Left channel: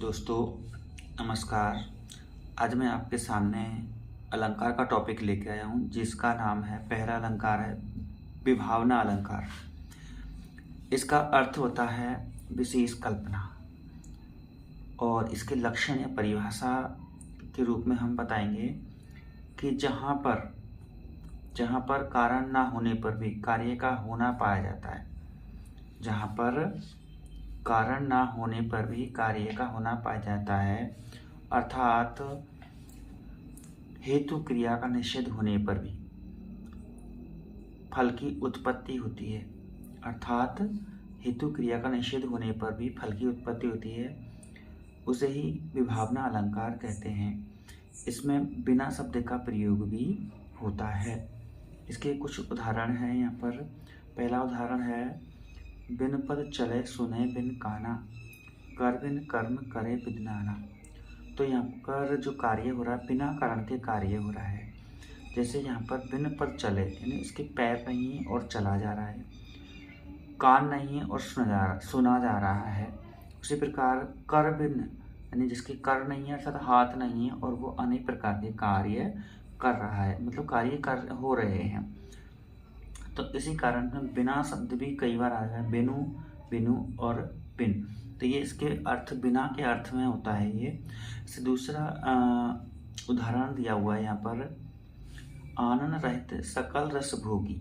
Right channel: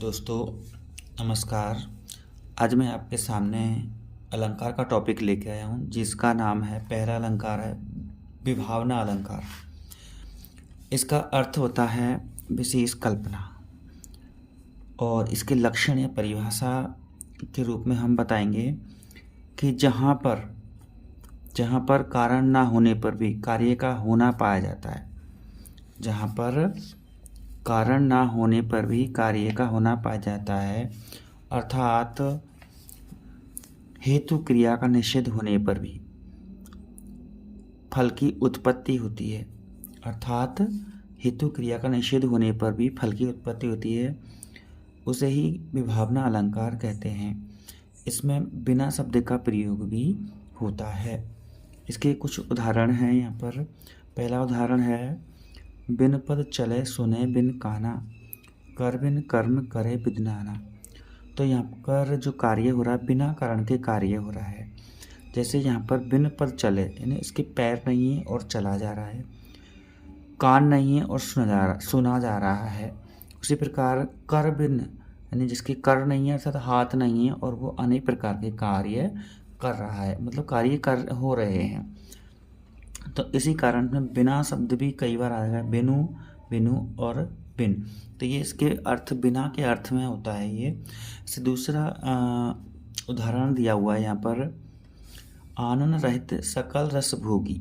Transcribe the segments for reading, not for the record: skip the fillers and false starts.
दोस्तों नमस्कार। आज मैं आपके सामने अलंकार का टॉपिक लेके आया हूँ जिसका नाम है, पहला अलंकार है विभावना अलंकार। इसका अर्थ होता है विशेष कल्पना और इसके लक्षण या परिभाषा के रूप में हम बताएंगे कि जहाँ पर कारण ना होने पर भी कार्य का होना पाया जाता है। जहाँ पर कारण ना होने पर भी कार्य का होना पाया जाता है, अर्थात हेतु क्रिया का निषेध होने पर भी फल की उत्पत्ति होती है। अर्थात हेतु क्रिया का निषेध होने पर भी फल की उत्पत्ति होती है, उसे ही विभावना अलंकार कहते हैं। इसमें बिना शब्द का प्रयोग भी होता है। इसके कुछ उदाहरण हैं यहाँ पर। पहला उदाहरण है, बिन पद चले सुने बिन काना, कर बिन कर्म करे विद्नाना। तो यहाँ पर जो कार्य हो रहा है बिना कारण के कार्य हो रहा है। जैसे यहाँ पर बिन पद चले यानी इसके पैर नहीं है और चला जा रहा है, कान नहीं है और सुना जा रहा है। उसी प्रकार कर बिन यानी जिसके कर नहीं है अर्थात हाथ नहीं है और वो अनेक प्रकार के कार्य कर रहा है, मतलब कार्य कर हो रहे हैं। तो इसी कारण में बिना शब्द भी कई बार आ जाएगा, बिनु बिनु और बिन। तो ये इसके अर्थ बिना के अर्थ में होता है। ये से दूसरा उदाहरण दिया हुआ है यहाँ पर, आनंद रहित सकल रस भोगी।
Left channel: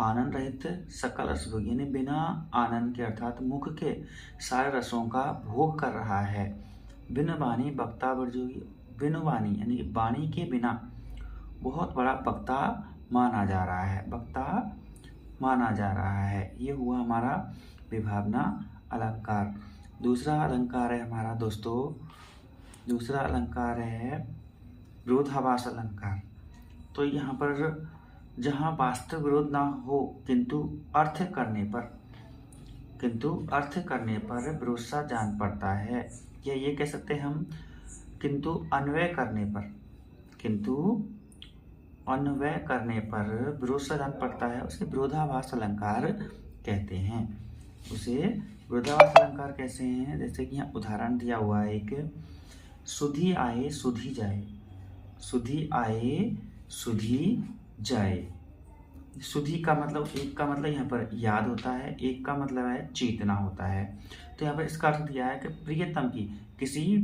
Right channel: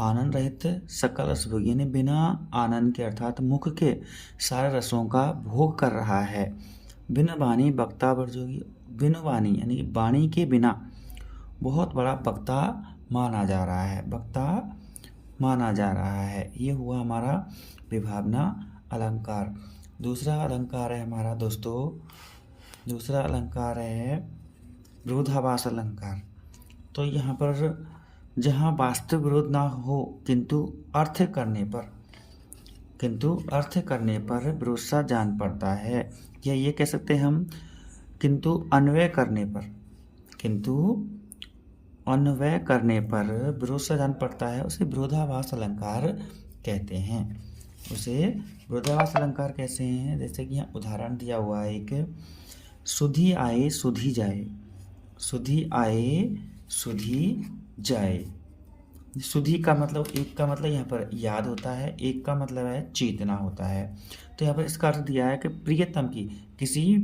आनंद रहित सकल रस भोगी यानी बिना आनंद के अर्थात मुख के सारे रसों का भोग कर रहा है। बिन वाणी वक्ता वर्जोगी। बिन वाणी यानी वाणी के बिना बहुत बड़ा वक्ता माना जा रहा है, वक्ता माना जा रहा है। ये हुआ हमारा विभावना अलंकार। दूसरा अलंकार है हमारा दोस्तों, दूसरा अलंकार है विरोधाभास अलंकार। तो यहाँ पर जहाँ वास्तविक विरोध ना हो किंतु अर्थ करने पर विरोध सा जान पड़ता है, या ये कह सकते हैं हम किंतु अन्वय करने पर विरोध सा जान पड़ता है, उसे विरोधाभास अलंकार कहते हैं। उसे विरोधाभास अलंकार कैसे हैं, जैसे कि यहाँ उदाहरण दिया हुआ है एक, सुधी आए सुधी जाए। सुधी आए सुधी जाए। सुधी का मतलब, एक का मतलब यहाँ पर याद होता है, एक का मतलब है चेतना होता है। तो यहाँ पर इसका अर्थ दिया है कि प्रियतम की, किसी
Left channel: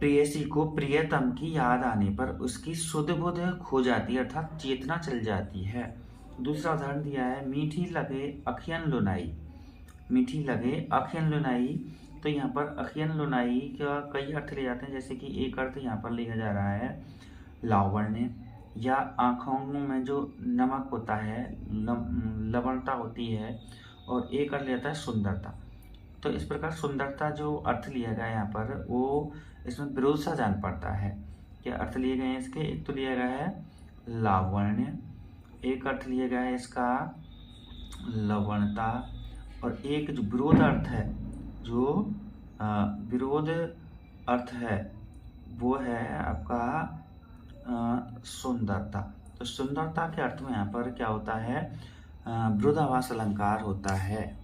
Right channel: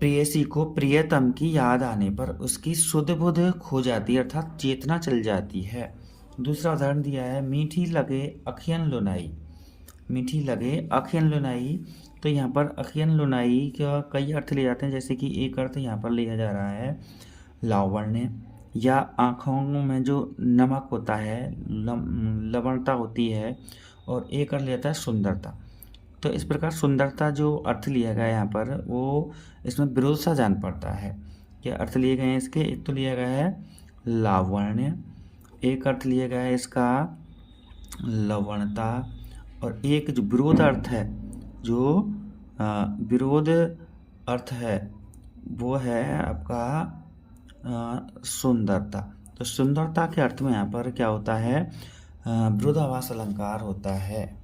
प्रेयसी को प्रियतम की याद आने पर उसकी सुध बुध खो जाती है, अर्थात चेतना चल जाती है। दूसरा उदाहरण दिया है, मीठी लगे अखियन लुनाई। मीठी लगे अखियन लुनाई। तो यहाँ पर अखियन लुनाई का कई अर्थ ले जाते हैं। जैसे कि एक अर्थ यहाँ पर लिया जा रहा है लावण्य, या आँखों में जो नमक होता है, लवणता होती है, और एक अर्थ लिया जाता है सुंदरता। तो इस प्रकार सुंदरता जो अर्थ लिया गया है यहाँ पर, वो इसमें विरोध सा जान पड़ता है। क्या अर्थ लिए गए हैं इसके, एक तो लिया गया है लावण्य, एक अर्थ लिया गया है इसका लवणता, और एक जो विरोध अर्थ है, जो विरोध अर्थ है वो है आपका सुंदरता। तो सुंदरता के अर्थ में यहाँ पर क्या होता है, विरोधाभास अलंकार होता है।